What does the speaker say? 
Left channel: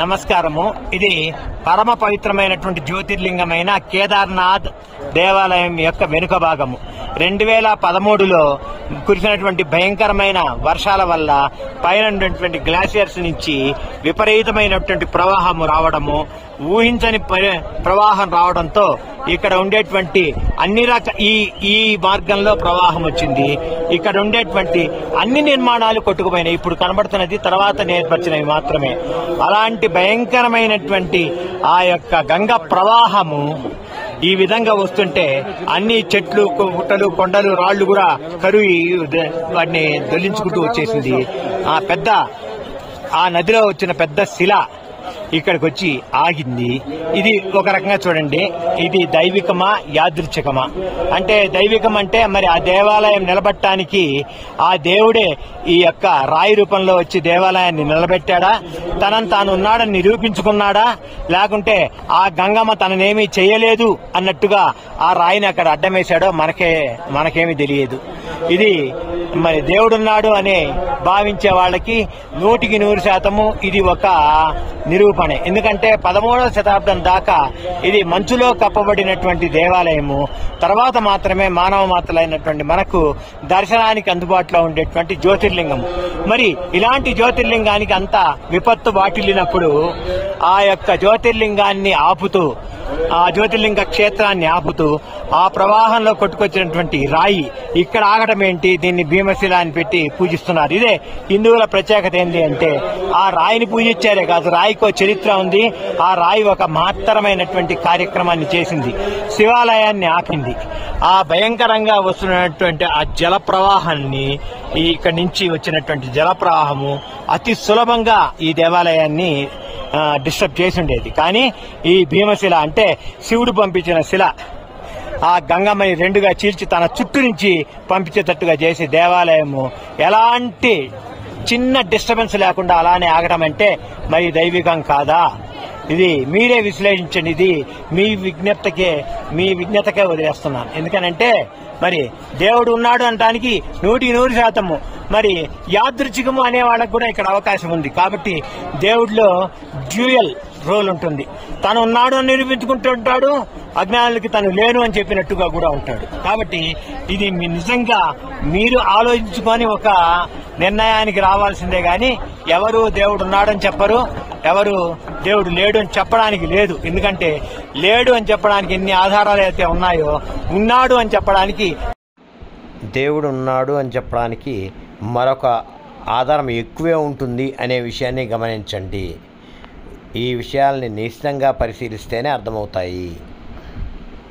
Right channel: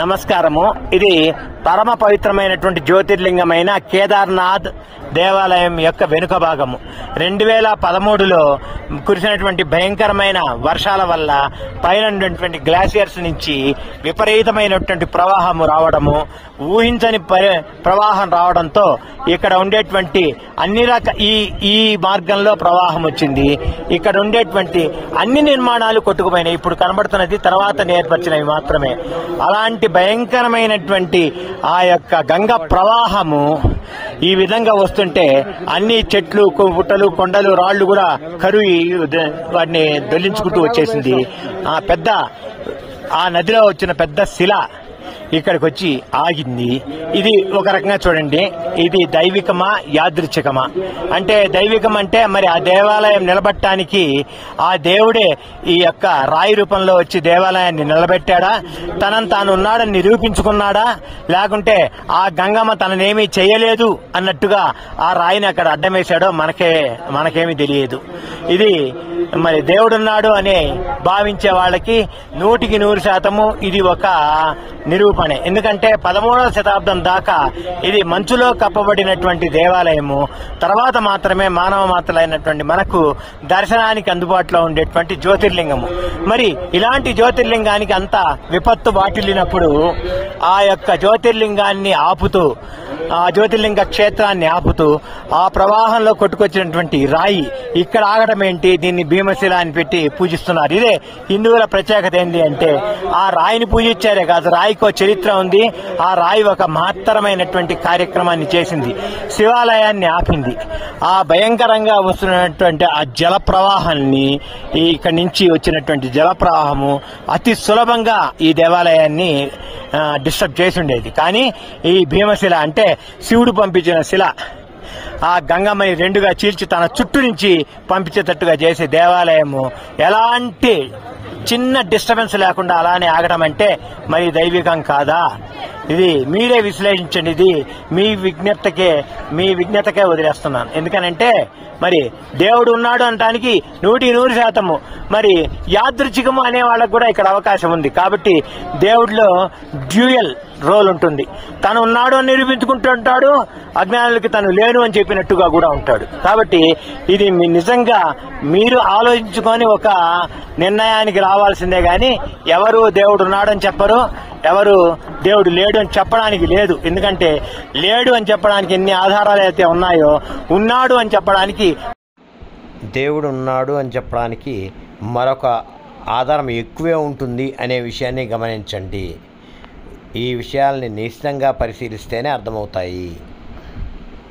నమస్కారము. ఇది పరమ పవిత్రమైనటువంటి జ్యోతిర్లింగమైన కేదార్నాథ్ దేవాలయం యొక్క వెనుక భాగము. 2013లో కురిసినటువంటి భయంకరమైన వర్షాల వల్ల పైన ఉన్నటువంటి గ్లాసియర్స్ నుంచి విపరీతమైనటువంటి ప్రవాహము రావడము, ఊహించని ప్రవాహం రావడంతో ఇక్కడ ఉండేటువంటి ఈ మార్గంలో ప్రవాహం వచ్చింది. ఇక్కడ ఉండేటువంటి అన్ని నిర్మాణాలు కొట్టుకుపోయినాయి. ఇప్పుడు కనబడుతున్నది తర్వాత ఏర్పరిచినవి మాత్రమే. అలాంటి భయంకరమైనటువంటి ఆ యొక్క గంగ ప్రవాహము ఈ విధంగా వస్తుంటే అన్ని చెట్లు, పుట్టలు, కొండలు, రాళ్లు కూడా కరువి వాటిని దొల్లించుకుంటూ వచ్చేసింది. ఆ నదిలో వచ్చిన పెద్ద శిల ఇక్కడికి వచ్చి ఆగింది. ఇది ఒక రకంగా చూడండి, ఇది దైవికమా యాదృచ్ఛికమా? అంటే దైవికం అంటే మరి ఆ దేవాలయం నిలబట్టడానికి ఆ దేవుడే ఈ యొక్క రాయి రూపంలో వచ్చి దేవాలయాన్ని నిలబెట్టాడా, తనను తాను ఉన్నాడని నిరూపించుకున్నాడా, లేకుంటే ఆ గంగమ్మ తననేమీ చేయలేదు అన్నట్టుగా ఆ రాయిని అక్కడ అడ్డం వేశాడో మనకేమీ తెలియదు. ఇది మరి దేవుడున్నాడు అని భావించే వాళ్ళకి 100% ఇది ఒక నిరూపణే. ఎందుకంటే 13వ శతాబ్దం దాకా ఇది మంచులో కప్పబడినటువంటి దేవాలయము. తర్వాత మాత్రమే మానవ మాత్రలైనటువంటి మనకు దర్శనానికి అందుబాటులో ఉండేటువంటి జ్యోతిర్లింగము. మరి ఇలాంటి జ్యోతిర్లింగానికి అంత విపత్తు వాటిల్లినప్పుడు ఆ యొక్క జ్యోతిర్లింగాన్ని ఆపుతూ, ఆ జ్యోతిర్లింగ క్షేత్రాన్ని ఆపుతూ ఆ ప్రవాహంలో కొట్టుకొచ్చినటువంటి రాయి ఇక్కడ ఆగడం ఏంటి? దీన్ని భీమశిల అని పెట్టి పూజిస్తున్నారు. ఇదే హిందువుల ప్రత్యేకత. ఏంటి అంటే ఆ రాయిని పూజించారే కాదు, రాయికో చరిత్ర ఉంది. ఆ రాయి ఒక మహత్తరమైనటువంటి కార్యక్రమాన్ని చేసింది, శివాలయాన్ని ఆపింది. ఆ భయంకరంగా వస్తున్నటువంటి ఆ జల ప్రవాహాన్ని, ఇక్కడి నుంచి వచ్చినటువంటి జల ప్రవాహము అతి సులభంగా ఈ దేవాలయాన్ని డిస్టర్బ్ చేసి ఉండేది. కానీ ఈ భీమశిల అంటే శివుడు పంపించిన శిల ఆ గంగమ్మని రెండుగా చీల్చి తన చుట్టూ నుంచి పంపించేటట్టుగా చేసే దేవాలయము ఎలాంటి చిన్న డిస్టర్బెన్స్ లేకుండా అలానే ఆగడం అంటే మరి దైవికం కాదా? ఇది మీరే విశ్లేషించండి. ఇది మీ విజ్ఞతకే వదిలేస్తున్నాను. ఎందుకనంటే మరి దేవుడు ఉన్నాడు అనడానికి 100% మరి యాదృచ్ఛికము అనే వాళ్ళకు కూడా ఇక్కడ అవకాశం ఉంది. కాబట్టి దేవుడిలో డ్యూయల్ రోల్ ఉంటుంది. తను ఉన్నాడు అని నిరూపించుకుంటుంటాడు, అజ్ఞానులకి తను లేను అని చెప్పినట్టుగా కూడా ఉంటాడు. కాబట్టి ఇది నిజంగా మీరు ఆలోచించుకొని ఒక నిర్ణయానికి రావాల్సిందే గాని ఎవరు దేవుడు ఉన్నాడని చెప్పరు, ఎవరు దేవుడు లేడు అని చెప్పడానికి లేదు. ఎందుకంటే లేడు అని చెప్పడానికి ఎన్ని ఆధారాలు అయితే ఉన్నాయో, ఉన్నాడు అని చెప్పడానికి, దేవుడు ఉన్నాడు అని చెప్పడానికి మరొక ఆధారం ఎక్కువే ఉంటుంది అనే విషయాన్ని గమనించండి. ఈ విషయాల్ని నిశ్చితంగా పరిశీలిస్తేనే అర్థమవుతాయి.